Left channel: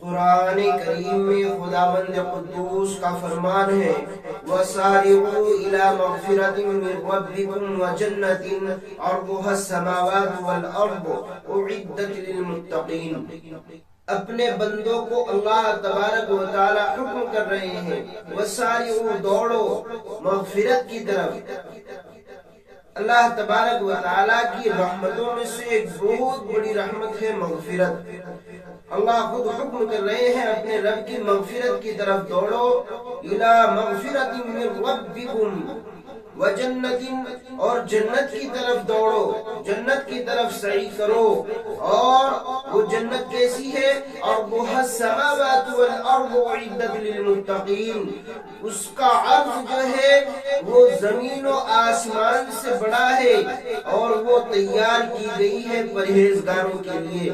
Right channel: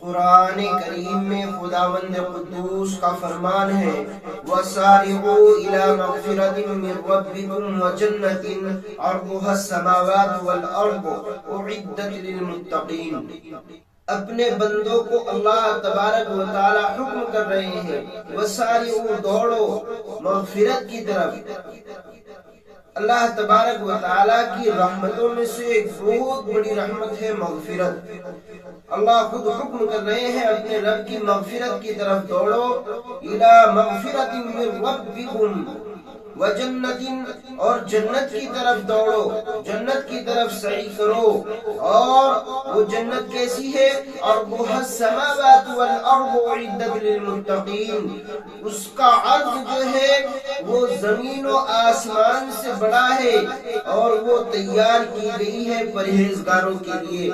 قرآن کریم میں خداوند قدوس کا فرمان ہے وَسَارِعُوا إِلَى مَغْفِرَةٍ مِّن رَّبِّكُمْ وَجَنَّةٍ عَرْضُهَا السَّمَاوَاتُ وَالْأَرْضُ أُعِدَّتْ لِلْمُتَّقِينَ۔ اپنے بندوں کو اللہ تبارک و تعالی حکم کر رہے ہیں وَسَارِعُوا، دوڑو مغفرت کی طرف۔ اللہ تبارک و تعالی کی رحمتوں میں سے ایک بہت بڑی رحمت ہے مغفرت۔ اللہ خود حکم کر رہے ہیں اپنے رب کی مغفرت کی طرف دوڑو، اِلَى مَغْفِرَةٍ مِّن رَّبِّكُمْ وَجَنَّةٍ، اور جنت کی طرف دوڑو، جنت کی طرف سعی کرو۔ اور وہ جنت کیسی ہے؟ عرضها السماوات والارض اعدت للمتقین، اس کا عرض جو ہے وہ زمین و آسمان سے بڑا ہے اور وہ تیار کی گئی ہے پرہیزگاروں کے لیے۔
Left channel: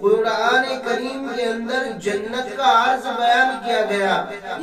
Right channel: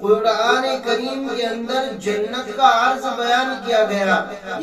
قرآن کریم کے اندر جنت کا عرض بیان کیا گیا،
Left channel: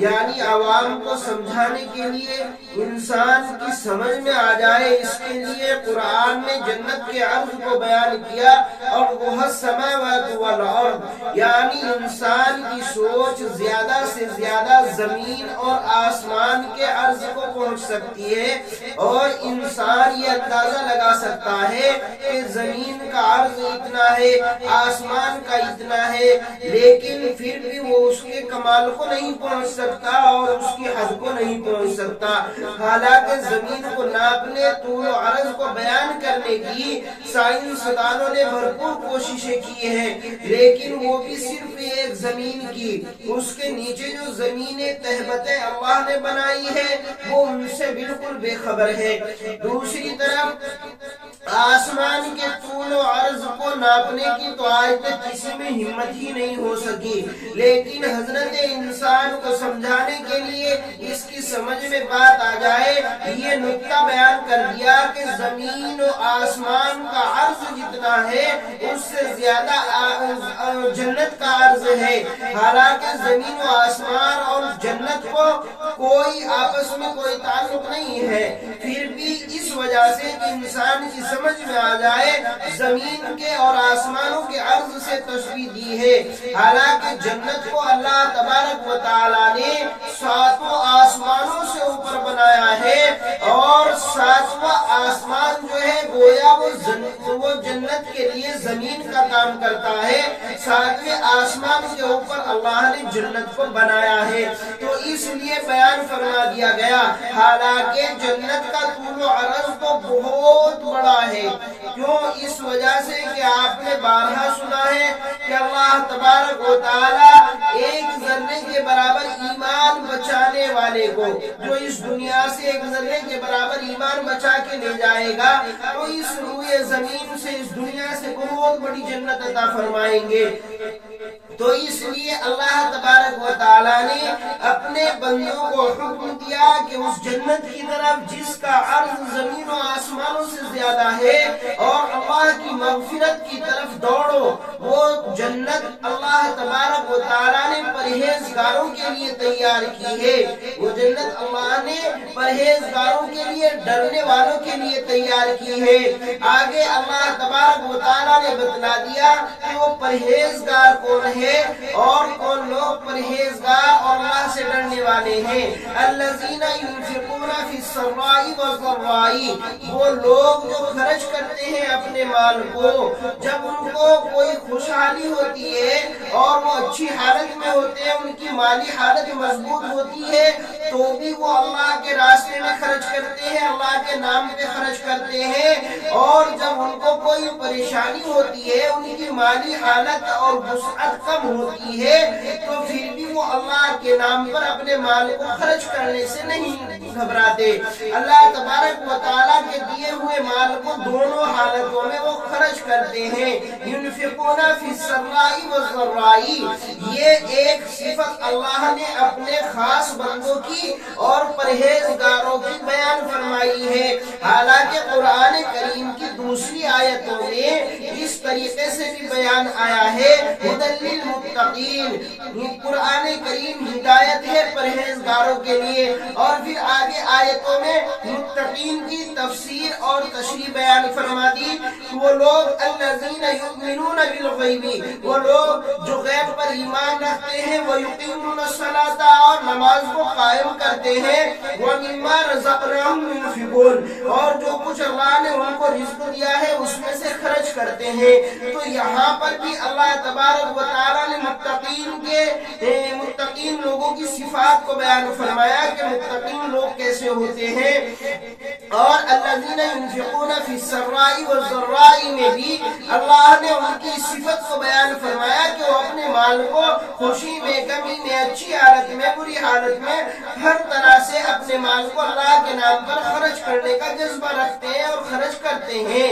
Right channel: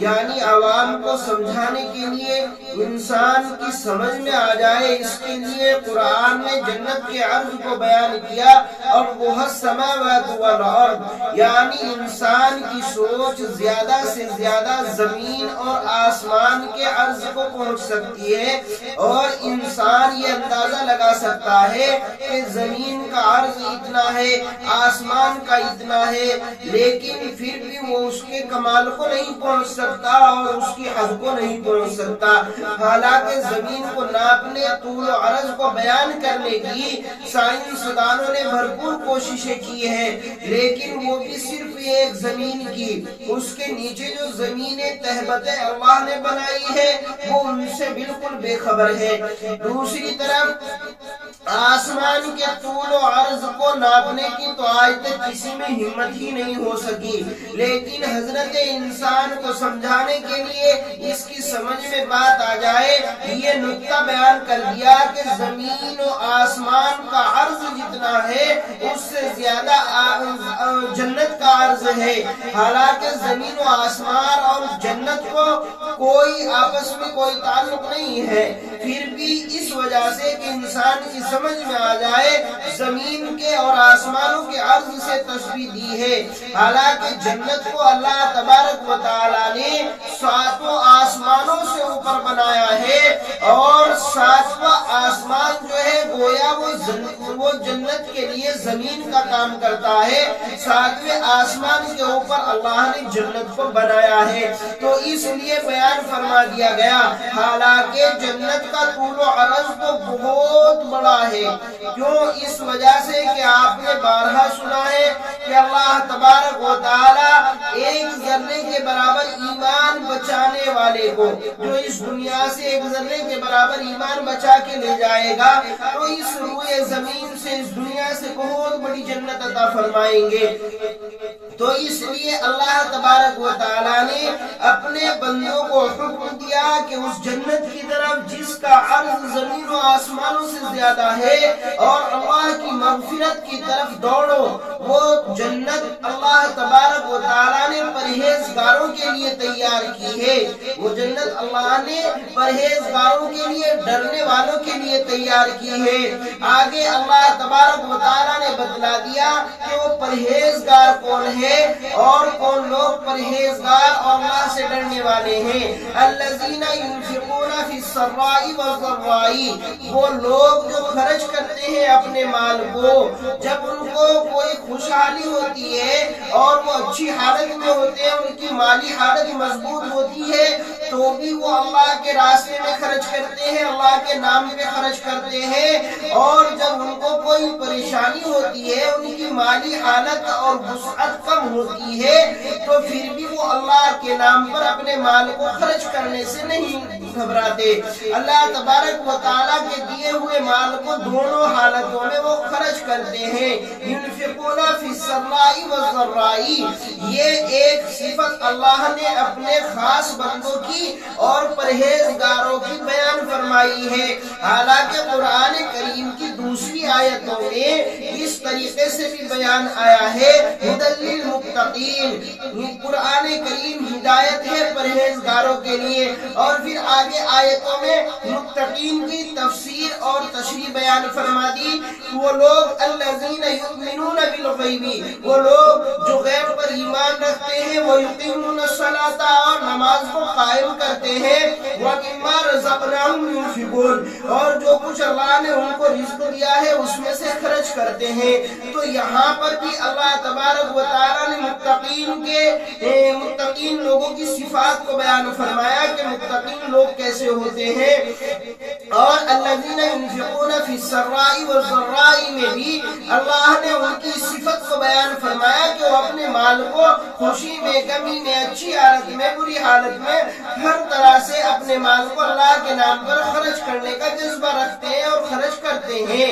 یعنی عوام کو سمجھانے کے لیے، انسان کی سمجھ میں آ جائے اس کے لیے قرآن نے جنت کے عرض کو بیان کیا۔ اور وہ السماوات والارض، یعنی انسان کی سوچ زیادہ سے زیادہ زمین اور آسمان کے عرض کو پہنچ سکتی ہے، اور انسان یہ اندازہ لگا سکتا ہے کہ زمین کا عرض اتنا ہے، آسمان کا اتنا ہے، لیکن پھر بھی وہ اس کے کمال کو نہیں پہنچ سکتا اور اس کی حد کو نہیں پہنچ سکتا۔ حالانکہ زمین کو ناپنے، طول و عرض کو بیان کرنے کی سائنسدانوں نے بھرپور کوششیں کی ہیں، لیکن وہ بھی صرف ایک زمین کی، اس کے نیچے جو زمینیں تہبتیں اللہ نے بنائی ہے وہ ان سے بالکل بے خبر ہے۔ دوسری طرف آسمان کے طول و عرض کو ناپنے کی تو آج تک کسی میں ہمت ہی نہیں ہو سکی، لیکن حضرت انسان کو سمجھانے کے لیے، اس کی سمجھ میں بات آ جائے، یہ نکتہ بیان کر دیا کہ زمین و آسمان کا عرض جتنا ہے اس سے زیادہ جنت کا عرض ہے۔ حالانکہ زمین و آسمان اور جنت کو کوئی آپس میں کوئی تعلق نہیں ہے، پھر بھی اس وجہ سے کہ انسان کی سمجھ میں آ جائے، زمین کے اور آسمانوں کے عرض سے تشبیہ دی ہے۔ حالانکہ جنت کو اللہ تبارک و تعالی نے 7 آسمانوں سے اوپر بنایا ہے، اور 7واں آسمان جو ہے گویا وہ جنت کے لیے زمین کا کام کرتا ہے، 7ویں آسمان کے اوپر اللہ نے جنت کو بنایا ہے۔ تو اس لیے بیان فرما دیا گیا، حالانکہ جنت کا طول و عرض تو بہت بڑا ہے۔ کیوں؟ اس وجہ سے کہ آپ نے بارہا سنا ہے کہ اللہ تبارک و تعالی ایک ذرے کے برابر ایمان بچانے والے کو، جو اس دنیا سے ایک ذرے کے برابر ایمان بچا کے لے جائے گا، تو اس روئے زمین سے، اس دنیا سے بہت بڑی جنت عطا فرمائیں گے۔ تو اس لیے اللہ تبارک و تعالی نے اپنے بندوں کو حکم دیا کہ اس جنت کی طرف جس کا عرض زمین و آسمانوں سے زیادہ ہے، اور اللہ کی مغفرت کی طرف دوڑو۔ وہ جنت اللہ تبارک و تعالی نے پرہیزگاروں کے لیے تیار کی ہے، وہ جنت اللہ نے پرہیزگاروں کے لیے، ڈرنے والوں کے لیے تیار کی ہے۔ آگے اللہ تبارک و تعالی نے بتلا دیا کہ وہ پرہیزگار کون ہے اور کون لوگ پرہیزگار اور اللہ سے ڈرنے والے ہیں۔ الذین ينفقون فی السراء والضراء، وہ لوگ جو خرچ کرتے ہیں اپنے مال کو، جب ان کو کوئی خوشحالی ہوتی ہے اور وہ اچھی حالت میں ہوتے ہیں، ان کی مالی حالت مضبوط ہوتی ہے، تو بھی وہ اللہ کے راستے میں خرچ کرتے ہیں، اللہ کے نام پہ خرچ کرتے ہیں۔ اور جب ان کو کوئی پریشانی ہوتی ہے، ان کی مالی حالت اور وسعت کم ہوتی ہے، تو پھر بھی وہ اللہ کے نام پر اپنے مال کو خرچ کرنے سے نہیں گھبراتے۔ اللہ تبارک و تعالیٰ کے دیے ہوئے مال کو دونوں حالتوں میں وہ خرچ کرتے ہیں۔ ينفقون فی السراء والضراء، یہ ایک صفت اللہ نے اپنے خاص بندوں کی کی اور پرہیزگاروں کی بیان فرمائی ہے۔ حالانکہ قرآن کریم کی دوسری آیتوں میں اس طریقے سے بھی بیان آیا ہے ھدی للمتقین، قرآن کریم ہدایت ہے پرہیزگاروں کے لیے، اور پھر آگے آیتوں میں متقین کی تفسیر اور تشریح بیان فرما دی۔ وہ لوگ الذین یؤمنون بالغیب، وہ لوگ جو غیب پر ایمان رکھتے ہیں، وہ یقیمون الصلاۃ، اور نماز کو قائم کرتے ہیں، ومما رزقناہم ينفقون، اور جو کچھ اللہ نے ان کو رزق دیا ہے اس میں سے خرچ کرتے ہیں۔ تو یہاں پر بھی اللہ تبارک و تعالیٰ نے متقین لوگوں کی صفات کو بیان فرمایا کہ متقین لوگ کیسے ہوتے ہیں، اور الذین ينفقون فی السراء والضراء میں بھی اللہ نے ان کی صفت کو بیان فرمایا کہ وہ اپنے مال کو خوشی میں، غمی میں، اچھی حالت میں، بری حالت میں، ہر طرح سے اپنے مال کو اللہ کے نام پر خرچ کرنے کا جذبہ رکھتے ہیں اور خرچ کرتے ہیں۔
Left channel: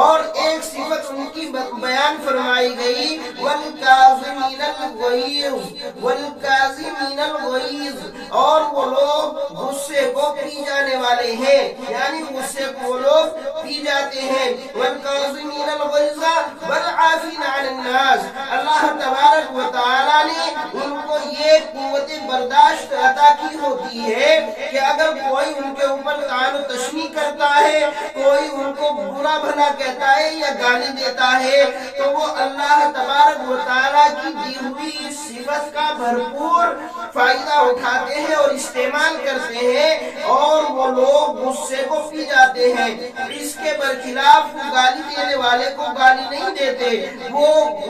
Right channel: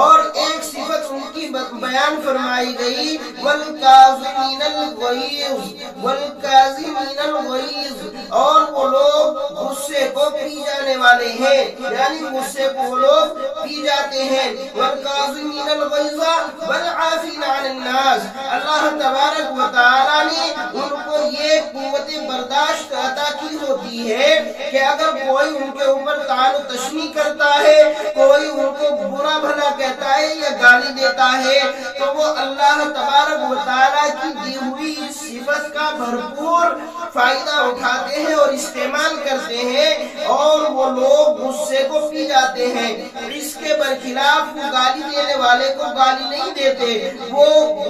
اور ایک صفت ان کی بیان فرمائی گئی والکاظمین الغیظ، اور وہ لوگ غصے کو پی جانے والے ہیں، یعنی غصے کو وہ لوگ پی جاتے ہیں۔ والکاظمین الغیظ والعافین عن الناس، اللہ تبارک و تعالیٰ نے ان کو یہ قوت برداشت عطا کی ہوتی ہے کہ اگر کوئی ان کے اوپر طعن و تشنیع کرتا ہے، کوئی ان کو برا بھلا کہتا ہے یا گالی دیتا ہے، تو وہ اللہ تبارک و تعالیٰ کی دی ہوئی اس صفت کا بھرپور فائدہ اٹھاتے ہیں اور استعمال کرتے ہیں، اور وہ لوگ غصے کو پی جاتے ہیں۔ اس کے برخلاف وہ گالی دینے والے کو گالی نہیں دیتے، وہ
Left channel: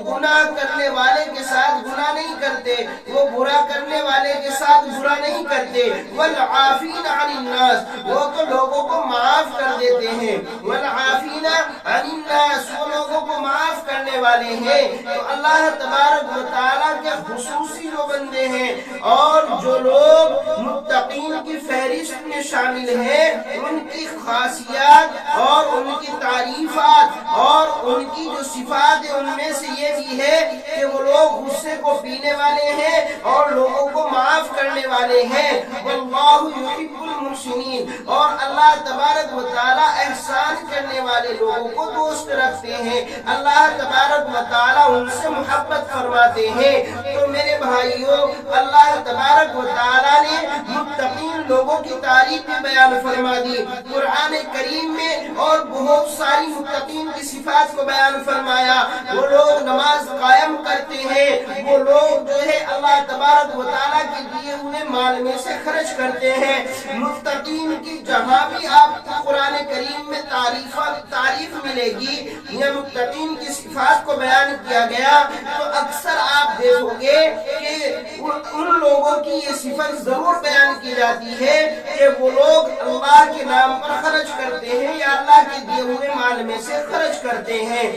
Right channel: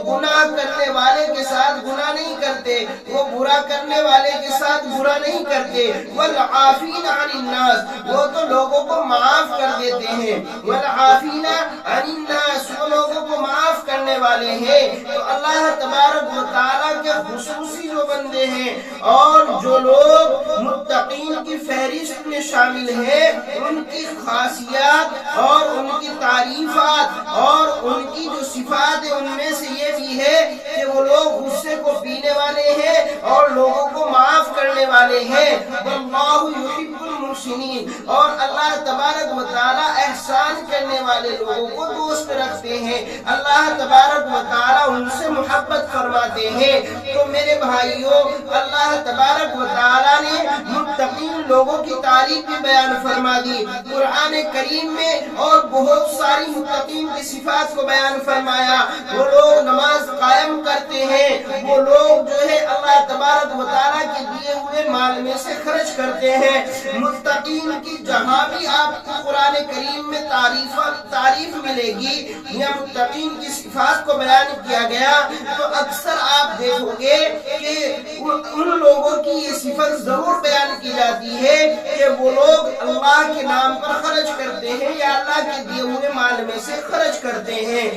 گناہ کرنے والے کے ساتھ گناہ نہیں کرتے، وہ برا کرنے والے کے ساتھ برا نہیں کرتے۔ والعافین عن الناس، وہ تو لوگوں کو معاف کر دیتے ہیں۔ والعافین عن الناس، وہ لوگوں کو معاف کرنے والے ہیں۔ تو اللہ تبارک و تعالیٰ کے خصوصی جو بندے ہیں اور جو لوگ متقین کی فہرست میں شامل ہیں، ان کی خاصیات اور ان کی تعریفات اور ان کی جو صفات ہیں ان میں سے یہ بھی ہے کہ وہ لوگ غصے کو پینے والے ہیں اور لوگوں کو معاف کرنے والے ہیں۔ واللہ یحب المحسنین، اور اللہ تبارک و تعالیٰ احسان کرنے والے لوگوں کو دوست رکھتے ہیں، اللہ تبارک و تعالیٰ ان سے محبت فرماتے ہیں۔ تو میرے بھائیوں، اللہ تبارک و تعالیٰ نے متقین لوگوں کی تعریف بھی بیان فرما دی قرآن کریم میں، اور بہت ساری متقین کی صفات کو بیان فرمایا۔ وہ لوگ نماز قائم کرتے ہیں، وہ لوگ جو ہے اللہ تبارک و تعالیٰ کے دیے ہوئے مال میں سے خرچ کرتے ہیں۔ متقین کی جہاں بھی آپ کو قرآن کریم میں تعریف ملے گی یا متقین کی صفات کو بیان کیا گیا، تو اکثر آپ دیکھو گے کہ ان لوگوں کی یہ صفت ضرور بیان کی جاتی ہے کہ وہ لوگ اللہ کے نام پر خرچ کرتے ہیں یا اللہ کے دیے ہوئے مال میں سے خرچ کرتے ہیں،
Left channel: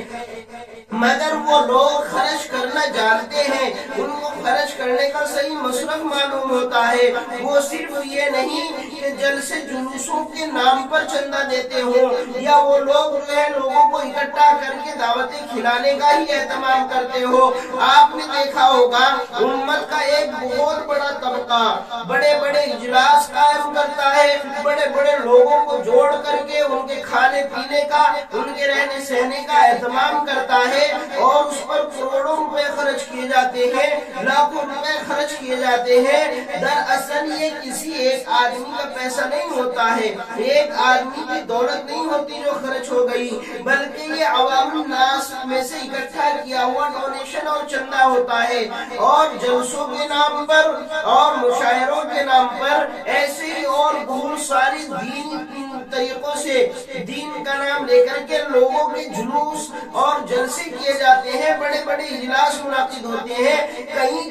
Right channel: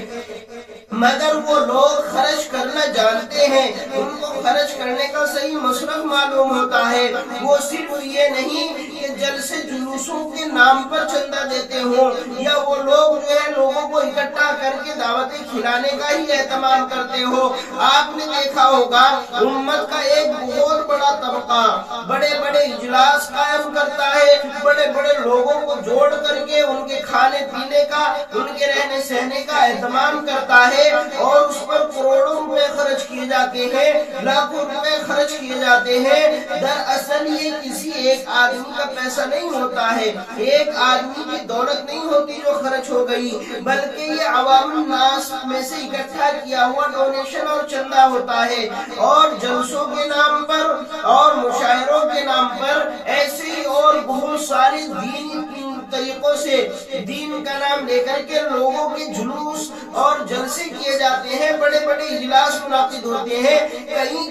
مگر وہ لوگ خرچ کرنا جانتے ہیں، ان کو خرچ کرنے کا صحیح مصرف معلوم ہوتا ہے۔ وہ صرف یہ نہیں کہ جلسے جلوسوں کے نام پر چندہ دیتے ہوں، یا وہ لوگ جو ہے لوگوں کو اکٹھا کر کے دعوتیں کھلانے کا ہی اہتمام کرتے ہو۔ آپ نے دیکھا ہوگا امت کا ایک بہت بڑا طبقہ بڑے بڑے اجلاس قائم کرتا ہے، بڑے بڑے لوگوں کو جوڑ کر کے ان کے کھانے پینے کا، ان کے رہنے سہنے کا اہتمام کرتا ہے، اور اس پر کروڑوں روپے خرچ کیے جاتے ہیں، لاکھوں روپے خرچ کیے جاتے ہیں۔ دراصل یہ کسی ایک آدمی کا پیسہ نہیں ہوتا ہے، ایک آدمی کی دولت نہیں ہوتی جو خرچ ہو گئی، بلکہ یہ عوام الناس میں سے اکٹھا کیا ہوا ڈونیشن اور چندہ ہوتا ہے، اور جلسوں کے نام پر اور مشاعروں کے نام پر ایسے ہی اور بہت ساری دینی طریقوں سے دین کا نام لے کر کے لوگوں کے جلوس اور جلسے کیے جاتے ہیں، بڑے بڑے اجلاس منعقد ہوتے ہیں،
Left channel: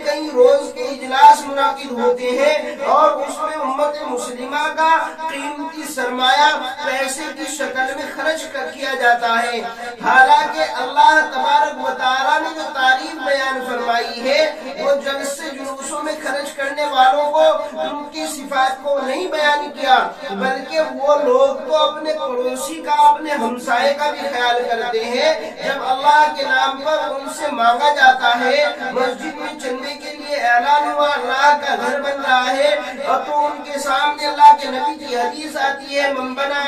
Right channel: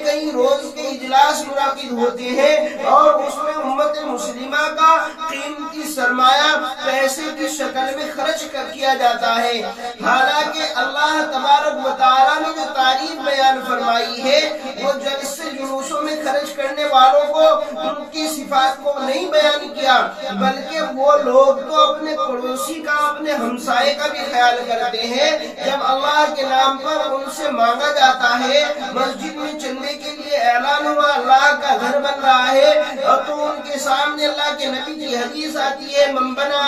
کئی روز کے اجلاس منعقد ہوتے ہیں، اور اس میں امت مسلمہ کا قیمتی سرمایہ پیسے کی شکل میں خرچ کیا جاتا ہے۔ حالانکہ اللہ تبارک و تعالیٰ نے جو تعریف بیان فرمائی ہے وہ جلسے جلوسوں میں خرچ کرنے والوں کو ان کی صفات کو نہیں بیان کیا، بلکہ وہ لوگ تو اپنے پڑوسی کا، اپنے ہمسائے کا بھی خیال کرتے ہیں۔ جب اللہ کے نام پر ان سے مانگا جاتا ہے، مسجد میں چندے کے لیے اعلان ہوا وہاں اللہ کا گھر بن رہا ہے، اور تو ان کے سامنے اللہ کے نبی کی حدیث آتی ہے من بنا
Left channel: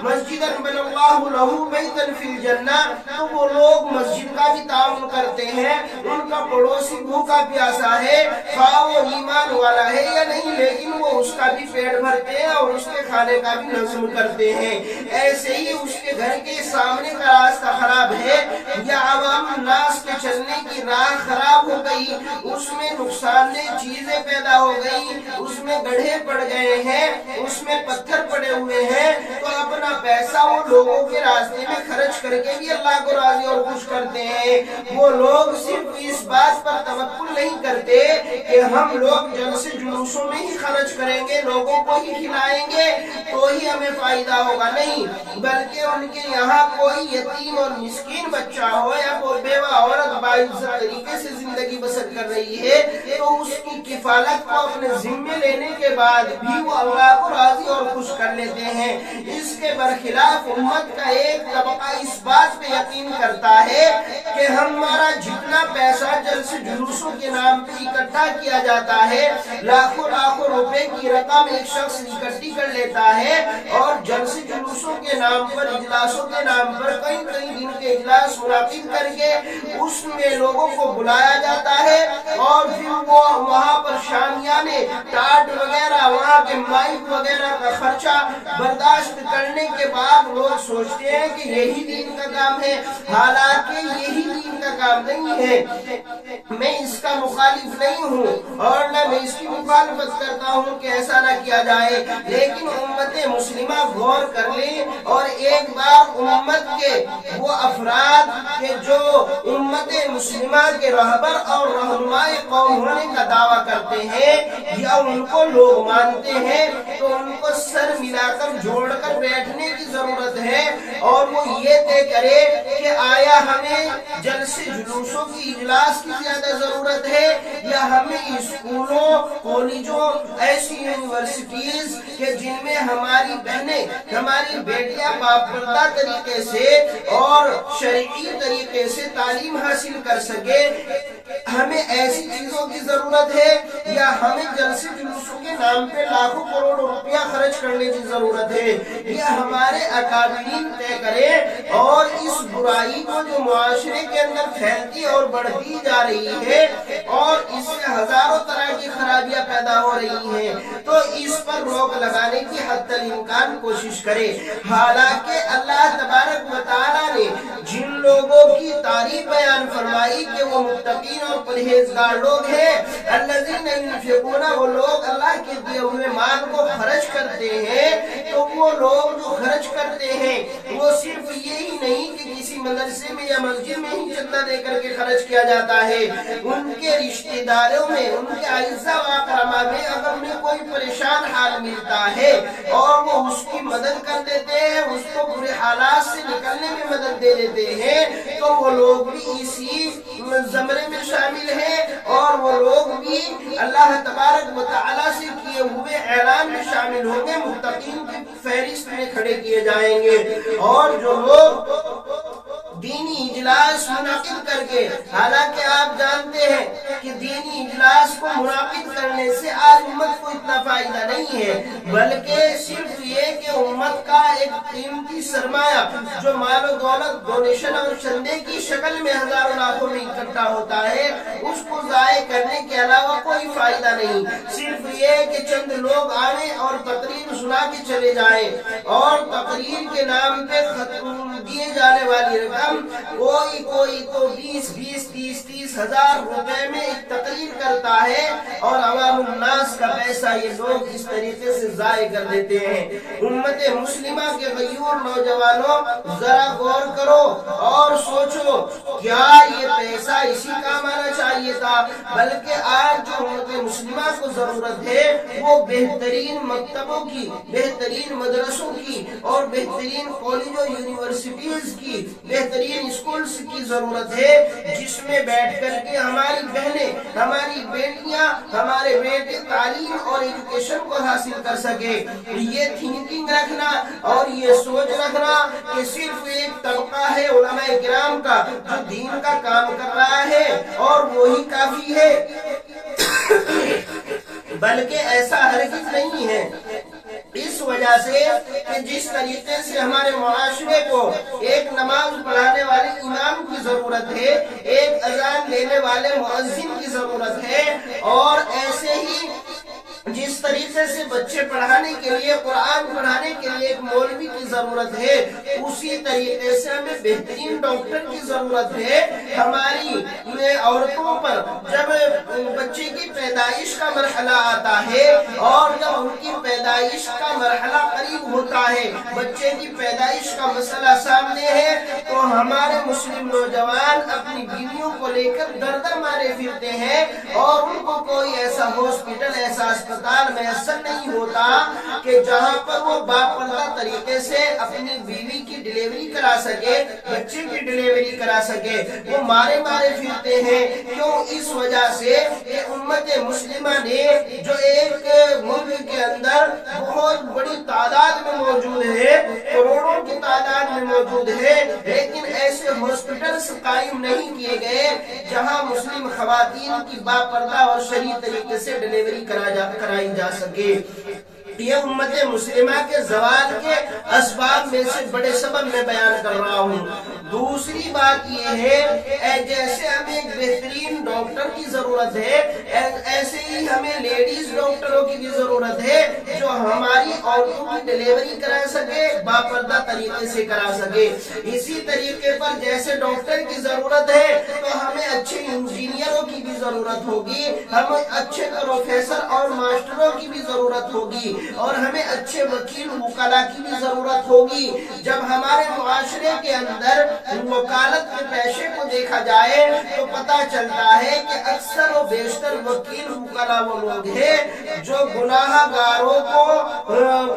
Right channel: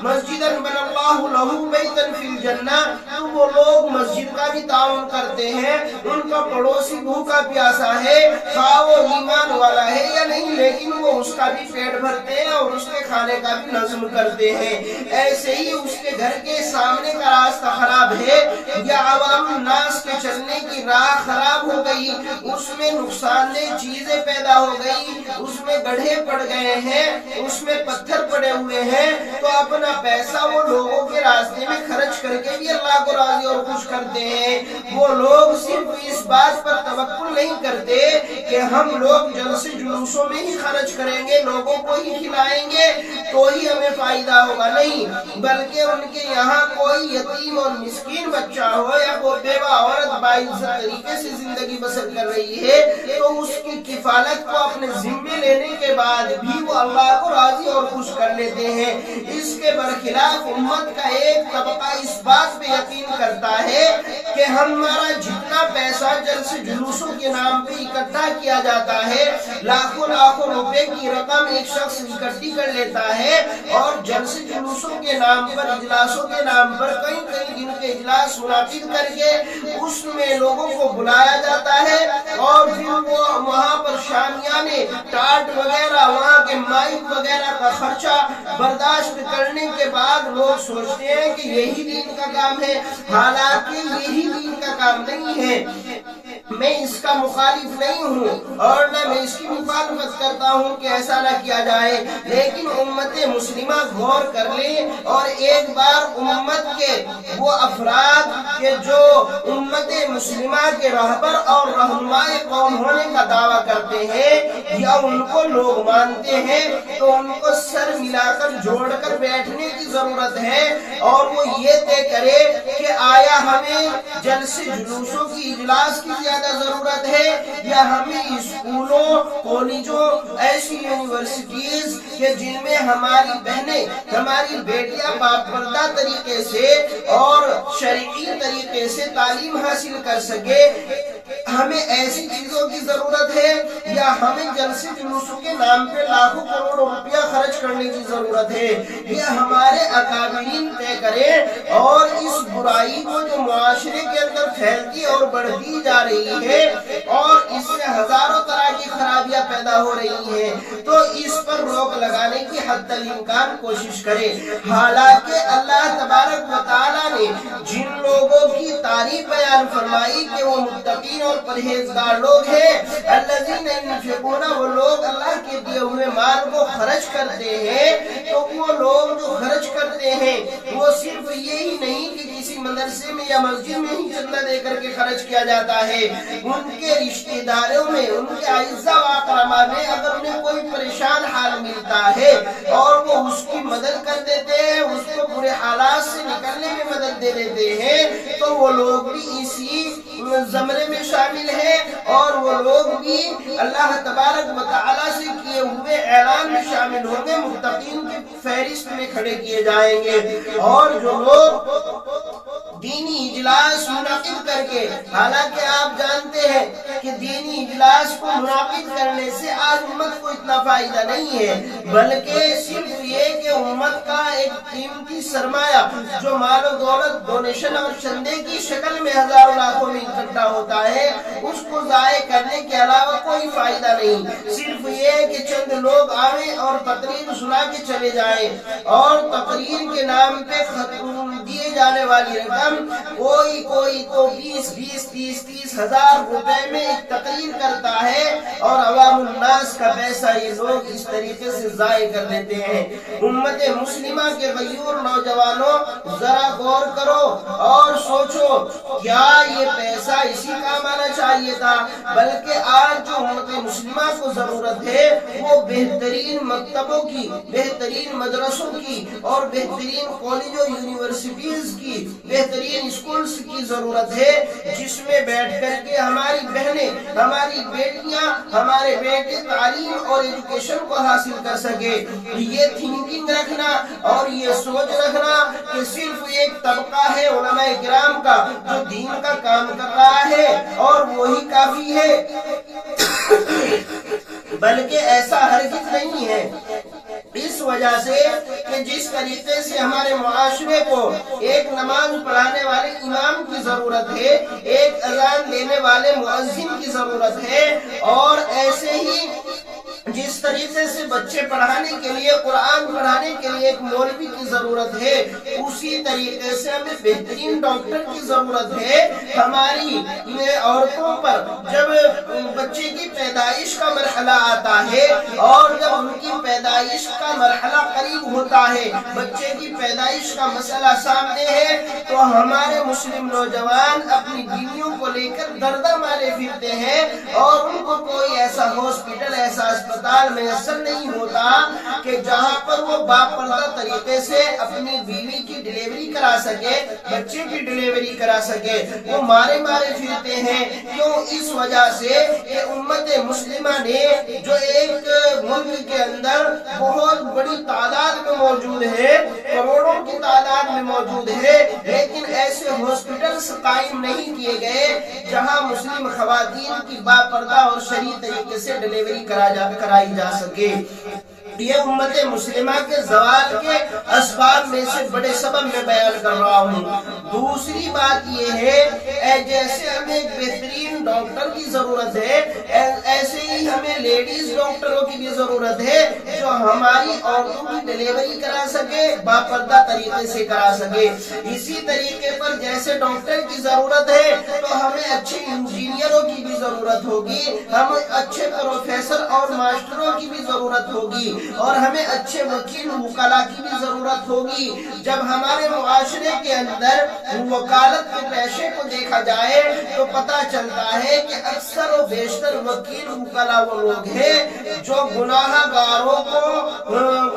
مسجدا بنى اللہ لہ بیتا فی الجنہ، تو وہ لوگ مسجد کا بھی تعاون کرتے ہیں، ان کا پڑوسی بھوکا پیاسا ہے، خواہ وہ ایمان والا ہے یا نہیں، لیکن وہ اس کا بھی پیٹ بھرتے ہیں اور اس کے کھانے کا بھی نظم کرتے ہیں۔ ایسے ہی اس کے گھر کے سامنے کا راستہ خراب ہے یا عوام الناس کے چلنے کی راہ خراب ہو گئی، اس میں نقصان دہ چیزیں پیدا ہو گئی، اس میں گڑھے پڑ گئے ہیں، اس میں پتھر پڑے ہوئے ہیں، تو اپنا پیسہ وہ لوگوں کے راستے میں خرچ کر کے بھی اللہ کو راضی اور خوش کرتے ہیں۔ وہ لوگ صرف اس بات پر توکل نہیں کرتے کہ ہم لوگ جلسے جلوسوں میں ہی خرچ کریں گے، لوگوں کو ہی کھلائیں گے تو ہی ہمیں فائدہ ہوگا، نہیں، بلکہ ان کے یہاں کوئی یتیم اور مسکین بچہ ہو یا کوئی بیوہ عورت باعزت طریقے سے زندگی بسر کر رہی ہے تو اس کی کفالت کو اپنے ذمے لینے کے بعد بھی وہ اللہ کو راضی اور خوش کر لیتے ہیں۔ اس کے برخلاف امت کا ایک طبقہ اس بات پہ یقین کرتا ہے کہ ہمارا جتنا پیسہ جلسے جلوسوں کے نام پہ اکٹھا کیا جاتا ہے، لاکھوں لاکھوں روپے کی رقم ایک شخص اکٹھی کر لیتا ہے اور جلسے جلوسوں کے نام پر، اجلاسوں کے نام پر کئی دن کے اجلاس منعقد کر کے اس میں لوگوں کو بلایا جاتا ہے، اور پھر وہ وہاں پر شامیانے، ٹاٹ وغیرہ، وہاں کے مائک وغیرہ کا خرچہ برداشت کرنے کے بعد لوگ سوچتے ہیں کہ یہی دین کا کام ہے، حالانکہ یہی دین کا کام نہیں ہے۔ میں اس کا مخالف نہیں ہوں اور نہ میں اس کی مخالفت کرتا ہوں کہ ایسا نہ کیا جائے، لیکن امت مسلمہ غور کر لیں اور ایک بار امت کے وہ افراد کے جو امت مسلمہ کے رہبر اور رہنما قوم ہونے کا دعویٰ کرتے ہیں یا ان کو لوگ مانتے ہیں، تو ان کو سر ملا کر جوڑ کر بیٹھنے کی ضرورت ہے اور وہ یہ طے کرے کہ آیا ہمیں جلسے جلوسوں کی اجلاس کی زیادہ ضرورت ہے یا ہمیں اسکولوں، کالجوں، ایسی یونیورسٹیز کہ جن میں ہماری بہنیں، ہماری بیٹیاں باپردہ طریقے سے اور شرعی طریقے سے تعلیم حاصل کر سکے، ہمیں ایسی چیزوں کی ضرورت ہے یا ہمیں جلسے جلوسوں کے نام پہ لاکھوں کروڑوں روپیہ خرچ کرنے کی ضرورت ہے؟ یہ ہمارے اکابرین طے کریں، اور اس برائی کو جو معاشرے کے اندر پھیلتی اور بڑھتی جا رہی ہے اور اس سے ہزاروں طرح کی خرابیاں پیدا ہو رہی ہیں، تو اس پر روک لگانے کی حد الامکان کوشش کرے۔ حالانکہ اللہ تبارک و تعالیٰ نے جن لوگوں کی تعریف بیان فرمائی کہ وہ متقین اور پرہیزگار لوگ ہیں، الذین ينفقون، وہ لوگ اللہ کے دیے ہوئے مال کو خرچ کرتے ہیں، تو وہ لوگ جو خرچ کرتے ہیں وہ صرف یہی نہیں کہ کسی مدرسے میں یا مسجد میں ہی چندہ دے کر کے خرچ کیا جاتا ہے، ان کے رشتہ داروں میں، ان کے اعزاء و اقرباء میں اگر انہیں کوئی پریشان حال ملتا ہے اور وہ اس کی مدد کر دیتے ہیں، اس کو برے حالات سے نکلنے میں مدد دے دیتے ہیں، تو وہ لوگ بھی اسی زمرے میں شامل ہیں اور وہ لوگ بھی اللہ تبارک و تعالیٰ سے کیے ہوئے اعلان میں شامل ہوں گے، متقین کی فہرست میں کھڑے کیے جائیں گے۔ اور جو لوگ دینی اجلاس منعقد کر کے، حالانکہ آپ جانتے ہیں کہ دینی اجلاس کو منعقد کرنے سے آج امت کو اتنا فائدہ نہیں ہے، بلکہ صرف یہ کہ امت کا ایک قیمتی سرمایہ جو مال و دولت، ڈونیشن اور چندے کی شکل میں ہزاروں لاکھوں میں اکٹھا ہوتا ہے، اس کو ضائع کرنے کے علاوہ کوئی فائدہ نہیں۔ صرف یہ کہ چند لوگ آئیں اور تقریر سنا کے چلے جائیں، اور تقریر کے نام پہ دیے جانے والی رقم کوئی تو 20-30 ہزار روپے میں ایک تقریر کرتا ہے، اور عوام الناس کا پیسہ یہ لوگ اس طریقے سے ضائع کر دیتے ہیں۔ امت مسلمہ کے غیور نوجوانوں، ذرا غور کرو اور سوچو، کیا یہ پیسہ اسی کام آنا چاہیے تھا؟ بلکہ آج جو امت مسلمہ کو ضرورت ہے وہ بہترین مکتبوں کی، بہترین مدرسوں کی اور بہترین کالجوں، یونیورسٹیز کی، بہترین اسکولز کی ضرورت ہے، جس میں بیٹھ کر کے ہماری بہنیں، ہماری بیٹیاں، ہمارے بیٹے تعلیم اور ایجوکیشن کو حاصل کر سکے۔ یہ تھنکنگ رکھنا اور یہ سوچ رکھنا کہ صرف ایک طبقہ ہے علماء کرام کا جو دین کا کام کر رہا ہے اور وہی کافی ہے، بلکہ ایسا ہرگز نہیں ہے۔ اس وجہ سے کہ جس طریقے سے ہمارے معاشرے کو ایک نماز پڑھانے والے امام کی ضرورت ہے، ایک اذان دینے والے مؤذن کی ضرورت ہے، اور ایسے ہی جس طریقے سے بچے پڑھانے کے لیے، قرآن پڑھانے کے لیے ایک مولوی کی ضرورت ہے، اسی طریقے سے ہمیں بہترین ڈاکٹر کی ضرورت ہے۔ ہماری عورتوں پر جب بچے کی پیدائش کا مرحلہ آتا ہے، اور جب ان کی پیدائش کا مرحلہ قریب ہوتا ہے، بچے کی پیدائش کا مسئلہ سامنے ہے، تو ہمارے مسلم نوجوان اپنی بیویوں کو لے کر در در مارے پھرتے ہیں، اور ان کو کوئی ایسا ہاسپٹل، ایسا اسپتال میسر نہیں ہوتا کہ جہاں پر وہ باپردہ طریقے سے اپنی بیوی کی ڈیلیوری کرا سکے، بچے کی ڈیلیوری کرا سکے۔ وہ مارے پھرتے ہیں۔ کیوں؟ اس وجہ سے کہ امت مسلمہ نے جو ایک ملک کے اندر بہت بڑی تعداد میں موجود ہے، کروڑوں کی تعداد میں موجود ہے، لیکن ایسے ہاسپٹلز قائم نہیں کیے گئے جہاں مسلم خواتین کی باپردہ اور شرعی طریقے سے ڈیلیوری کرائی جا سکے۔ یہ امت مسلمہ کے زوال کے اسباب میں سے بڑے سبب میں بیان کر رہا ہوں۔ دوسری بات یہ ہے، جیسے ہمیں ایک بہترین ڈاکٹر کی ضرورت ہے، ایسے ہی ہمیں لیڈیز ڈاکٹروں کی بھی ضرورت ہے جو ہماری عورتوں کی ڈیلیوری کرا سکے، باپردہ طریقے سے کرا سکے۔ اسی طریقے پر جیسے ڈاکٹر کی ضرورت ہے تو ہمیں اچھے انجینئروں کی بھی ضرورت ہوگی، ہمیں اچھے پروفیسر اور ماسٹروں کی بھی ضرورت ہوگی، اور ہمیں اچھے وکیل وکلا کی بھی ضرورت ہوگی۔ جب ہمارے معاشرے کے اندر وکالت کے پیشے کو دیکھا جائے تو پتہ چلتا ہے کہ اکثر و بیشتر وکیل وکلا وہ لوگ ہیں جو گناہ گاروں کو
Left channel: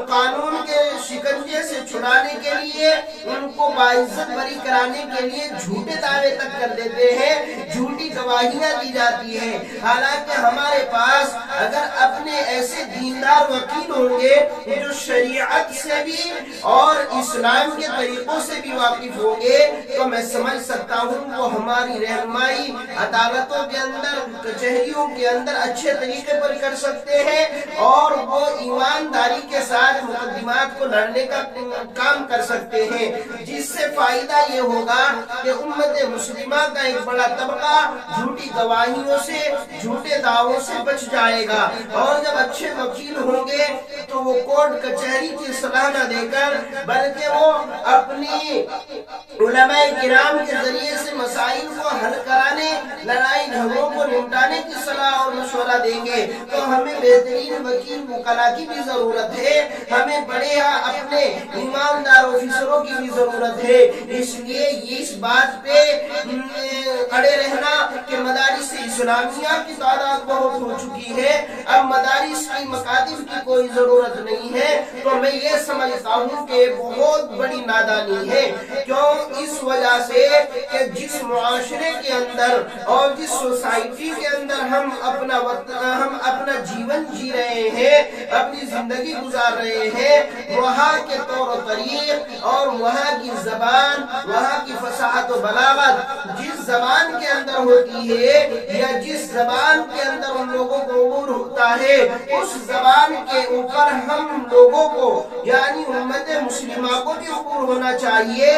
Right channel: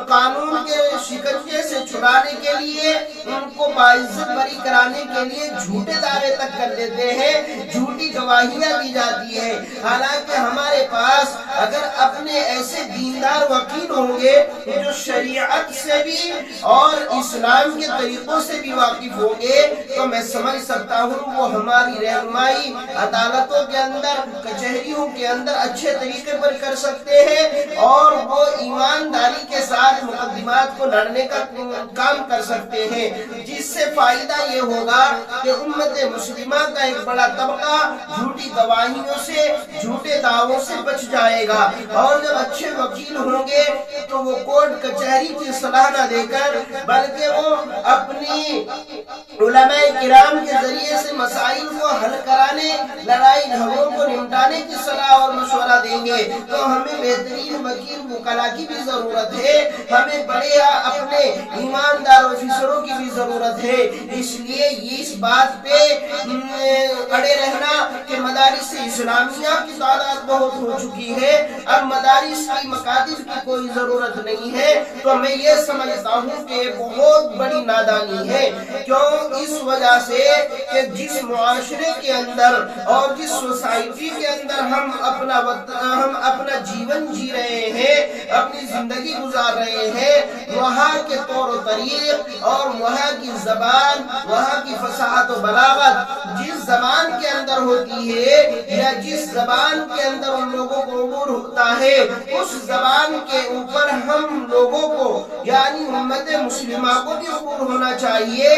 قانون کے شکنجے سے چھڑانے کے لیے، ان کو باعزت بری کرانے کے لیے جھوٹے دعوے تک کر دیتے ہیں، جھوٹی گواہیاں دی جاتی ہیں۔ حالانکہ ہمارے پاس اگر اپنے ایسے دیندار وکیل ہوں گے جو شریعت سے بھی اور اسلام کے طریقوں سے بھی واقف ہوں گے تو میں سمجھ سکتا ہوں وہ ہماری رہنمائی عدالتوں کے اندر، کچہریوں کے اندر اچھے طریقے پر کر سکتے ہیں، اور وہ ایمانداری کے ساتھ مقدمات کو لڑنے کا کام کر سکتے ہیں، جس سے فائدہ یہ ہوگا کہ امت مسلمہ کا ایک بڑا طبقہ جھوٹی گواہیوں سے، جھوٹے دعووں سے بچ جائے گا۔ اور جب اچھے وکیل ہوں گے تو وہ کورٹ کچہری کی صلاح نہ دے کر بلکہ وہ اپنی علماء کرام کے ذریعے سے مسائل کو حل کرانے، لڑائی جھگڑوں کو نمٹانے کی صلاح اور مشورہ دیں گے۔ تو ہمیں بہترین وکیل وکلا کی بھی ضرورت ہے، ہمیں بڑے اپنے ایماندار آفیسروں کی بھی ضرورت ہے۔ اس لیے اس بات پہ اڑے رہنا کہ مدارس اسلامیہ کی تعداد بہت ہو چکی ہے، اب مدارس کی مکاتب کی کوئی ضرورت نہیں ہے، تو میں یہ سمجھتا ہوں کہ بہت بڑی نادانی ہے۔ کیوں؟ اس وجہ سے کہ جس معاشرے کے اندر اور جس سوسائٹی کے اندر ہم اپنا جیون جی رہے ہیں، اپنی زندگی گزار رہے ہیں، وہاں کے طور و طریق اور وہاں کی زبان، وہاں کی فصاحت و بلاغت جس زبان کے اندر ہوتی ہے یا جس زبان کے اندر ان لوگوں کو عبور ہوتا ہے، اس زبان کے اوپر ہم لوگوں کو یعنی امت مسلمہ کو بھی عبور ہونا چاہیے۔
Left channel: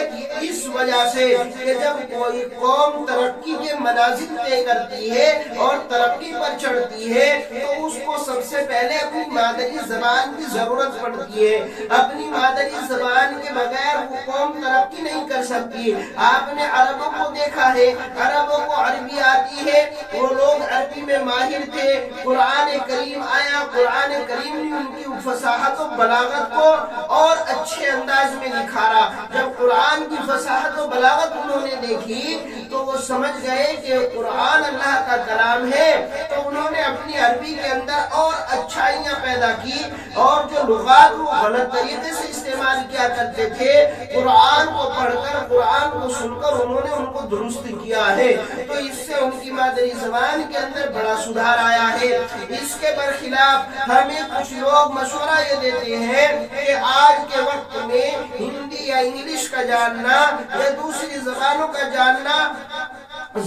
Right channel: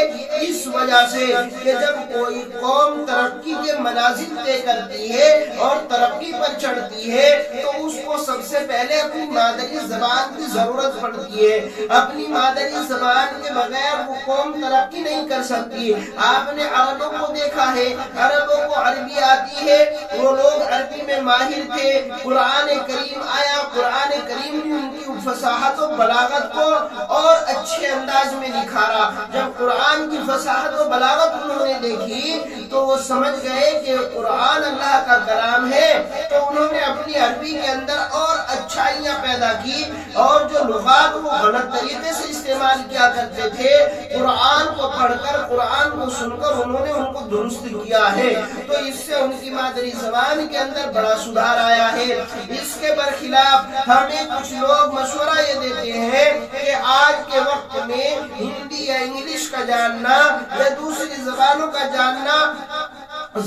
اس وجہ سے کہ جب کوئی قوم ترقی کے منازل طے کرتی ہے اور ترقی پر چڑھتی ہے تو اس کو سب سے پہلے اپنی مادری زبان کی ضرورت پڑتی ہے۔ اپنی مادری زبان کے بغیر وہ قوم ترقی نہیں کر سکتی۔ آپ نے عربوں کو دیکھا ہے، عربوں کو عربی آتی ہے، وہ لوگ عربی میں ماہر تھے، قرآن کریم آیا، قرآن کریم نے ان کی فصاحت و بلاغت کو اور اچھے انداز میں نکھارا۔ جب قرآن کی فصاحت و بلاغت انہوں نے دیکھی تو وہ سمجھ گئے کہ قرآن اللہ کا کلام ہے، تو انہوں نے اپنی عربی کے اندر اور اچھائیاں پیدا کی، اور جو لغات وہ غلط طریقے سے استعمال کیا کرتے تھے، قرآن کو پڑھ کر، قرآن کو سن کر انہوں نے ان کو درست کیا ہے۔ تو اس سے ان کی مادری زبان کے اندر بڑا سدھار آیا ہے۔ اس کے برخلاف ہمیں کچھ لوگ مشورہ یہ دیتے ہیں کہ آج کے وقت میں ہندی یا انگلش کا جاننا یا دوسری زبانوں کا جاننا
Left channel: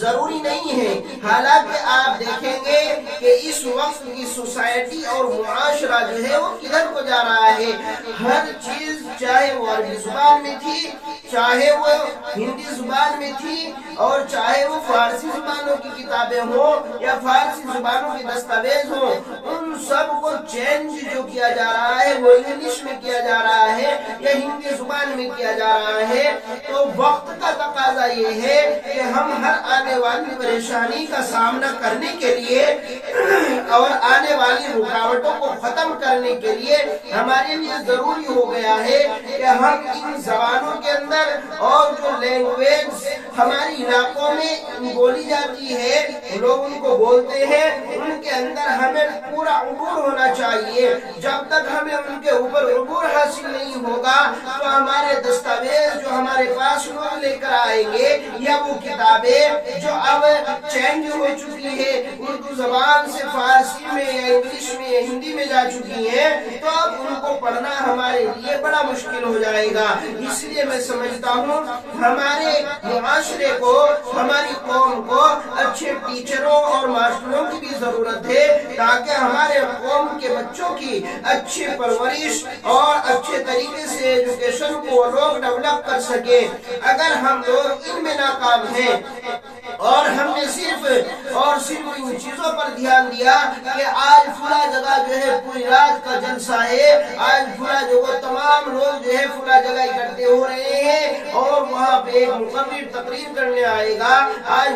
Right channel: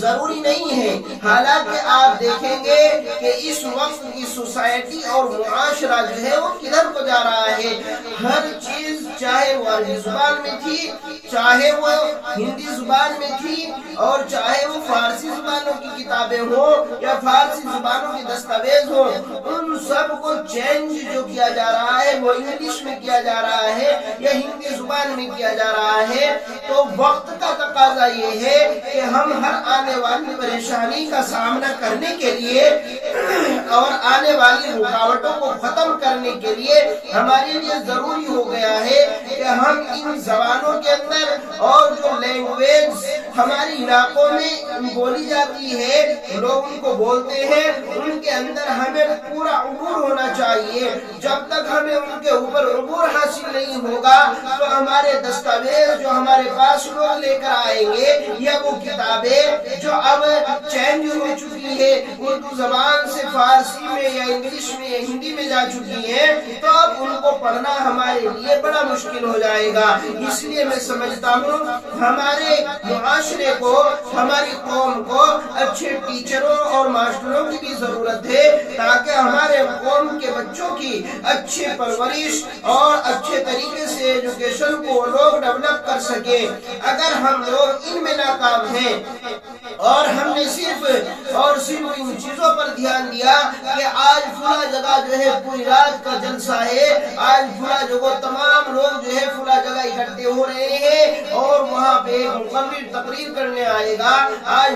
ضروری نہیں ہے۔ حالانکہ آپ دیکھیں گے کہ اس وقت کی سوسائٹی اور معاشرہ جو ہے وہ کدھر کو جا رہا ہے۔ ہر چیز چاہے وہ عربی زبان میں تھی، چاہے وہ ہندی زبان میں تھی، اور چاہے وہ فارسی زبانوں کی کتابیں ہوں یا فارسی زبانوں کے دستاویز ہوں، ان سب کو چینج جو کیا جا رہا ہے وہ انگلش میں کیا جا رہا ہے یا ہندی زبان میں کیا جا رہا ہے۔ تو وقت کا تقاضا یہ ہے کہ ہم ہر آنے والی پریشانی کا سامنا کرنے کے لیے اور آنے والی رکاوٹوں کو ختم کرنے کے لیے ہمارے لیے ضروری ہو گیا ہے کہ ہم ان زبانوں کے اندر اور جو لینگویج ہمارے علاقوں میں بولی جاتی ہے، لوگ ان کو بولتے ہیں، ان کے اندر ہمیں پورا عبور ہونا چاہیے۔ جب تک ہمیں ان کے اوپر عبور حاصل نہیں ہوگا تو ہمارے دستاویز جو ہمارے پاس لوگ لے کر آئیں گے یا وہ کتابیں جو اب چینج ہو چکی ہے، اردو زبان سے فارسی میں یا انگلش میں یا ہندی میں جا چکی ہیں، تو اب ان کو پڑھنا ہمارے لیے بڑا مشکل ہو جائے گا۔ اس لیے میں سمجھتا ہوں ہمارے معاشرے کو، ہماری قوم کو اچھے ٹیچروں اور ماسٹروں کی بھی ضرورت ہے تاکہ ہمارے قوم کے بچوں کی اچھی پرورش اور اچھے طریقے سے ایجوکیشن کو لوگ ڈیولپ کر سکے۔ اگر ہم لوگ ان میں ناکام ہیں اور ہم نے صرف ان چیزوں پر دھیان دیا کہ آج فلاں جگہ جو ہے پوری رات کا جلسہ ہے، آج فلاں جگہ تمام لوگ جو ہے فلاں جگہ اکٹھے ہو رہے ہیں اور وہاں پہ ایک مقرر تقریر کرنے آئے گا، آج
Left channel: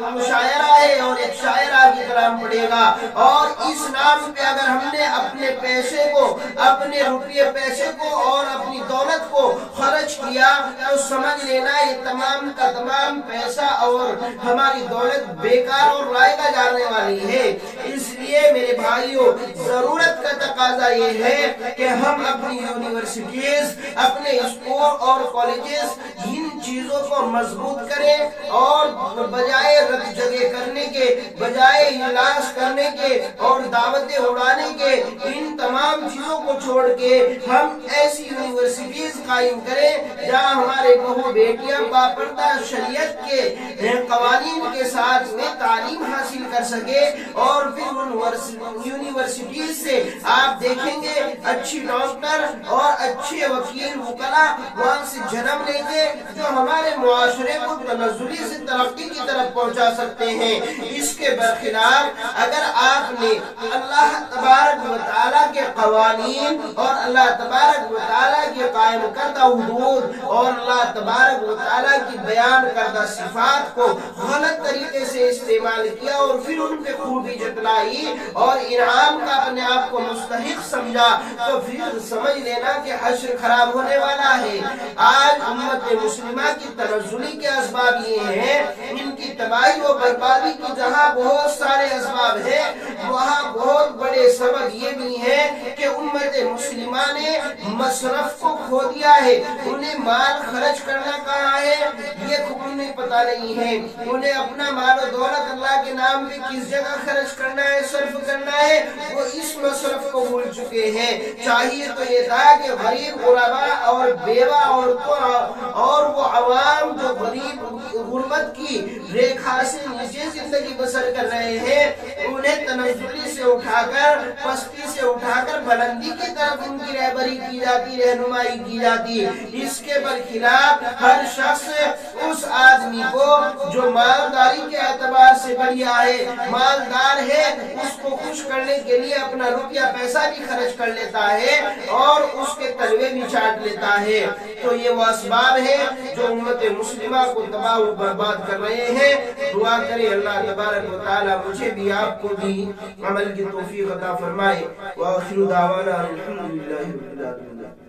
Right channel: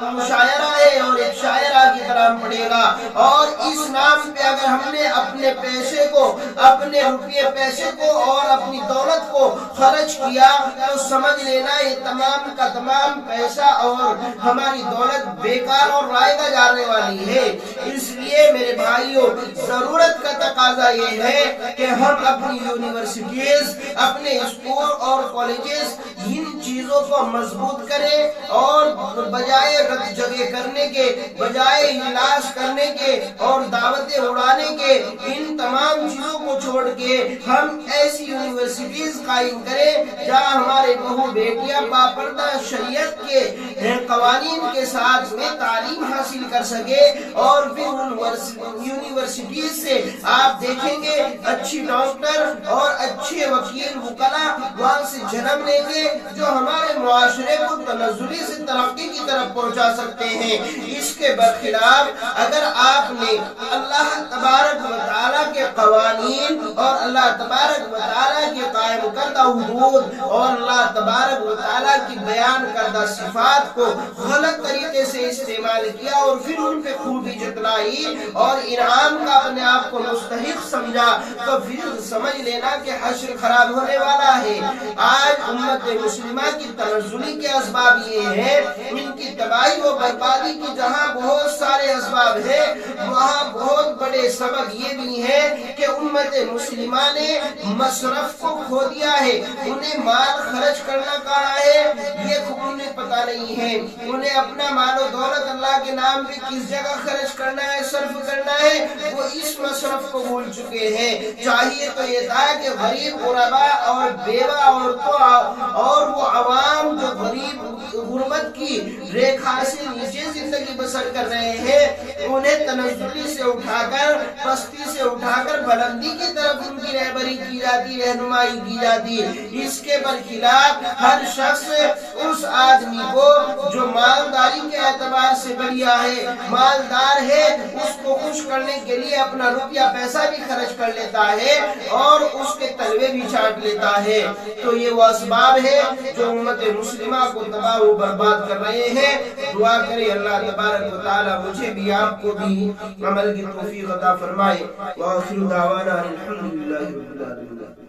مشاعرہ ہے اور ایک شاعرہ کی کلام پڑے گا، اور اس نام پہ اگر ہم نے اپنے پیسے کو، اپنے روپیے پیسے کو اور اپنی دولت کو خرچ کیا تو سمجھ لینا یہ تمام کا تمام پیسہ اور ہماری دولت بیکار اور رائے گا جانے والی ہے۔ اس لیے میرے بھائیوں، ضرورت کا تقاضا یہ ہے کہ ہم اپنی یونیورسٹیز، اپنے اسکول اور کالجز ان چیزوں کو مضبوط کریں اور بجائے رد جگہ کرنے کے، بجائے اجلاس کرنے کے اور دعوتیں اڑانے کے، ان تمام چیزوں کو چھوڑ کے ہم ایسی یونیورسٹیز قائم کریں جہاں ہمارے بہو بیٹیاں باپردہ شریعت کے قوانین کے ساتھ میں تعلیم حاصل کر سکے، اور پھر ان یونیورسٹیز سے آپ دیکھیں گے اچھی ڈاکٹر اور اچھے وکیل وکلا وہاں سے جنم لیں گے جو ہمارے معاشرے کو تنزلی سے ترقی کی طرف پہنچا سکتے ہیں۔ اس کے برخلاف اگر آپ نے اللہ تبارک و تعالیٰ کے قوانین اور اللہ تبارک و تعالیٰ کے قائم کردہ حدود اور اللہ تبارک و تعالیٰ کی بیان کردہ صفات کو غلط طریقے سے استعمال کیا اور پھر ان پہ خوبی جتلائی اور انعام کا اپنے آپ کو مستحق سمجھا، تو پھر سمجھ لینا کہ حشر خراب ہونے والا ہے۔ آج امت مسلمہ کی تنزلی کے اسباب یہ ہیں، ان کی تباہی و بربادی کی جہاں بہت سارے اسباب ہیں، وہاں بہت بڑے سبب یہ بھی ہیں کہ امت مسلمہ نے مصرف کو کھو دیا ہے۔ انہیں مال خرچ کرنا کہاں ہے یہ انہیں پتہ نہیں ہے، انہیں اپنا مال و دولت اللہ کے نام پہ کس جگہ خرچ کرنا ہے، صرف کرنا ہے، وہ اس مصرف کو بھول چکے ہیں۔ چاہیے تو یہ تھا کہ غریب غربا اور بیوہ عورتوں اور وہ عوام جو غریب غربت کی ریکھا سے نیچے زندگی بسر کر رہے ہیں، انہیں تنزلی سے اٹھا کر، پستی سے اٹھا کر بلندی کی طرف ان کی رہبری کی جاتی، رہنمائی کی جاتی۔ اس کے برخلاف ہر شخص اس آدمی کو جو مالداری کے اعتبار سے بڑھیا ہے، مالدار ہے، اس کو خوش کرنے کے لیے اپنا روپیہ پیسہ بھی خرچ کر لیتا ہے اور اس کے تلوے بھی چاٹ لیتا ہے۔ تو یہ وہ اسباب ہے جو امت مسلمہ کو تباہ و برباد کر رہے ہیں۔ دعا کریں اللہ تبارک و تعالی مجھے بھی آپ کو بھی عمل کی توفیق عطا فرمائے۔ وآخر دعوانا الحمدللہ رب العالمین۔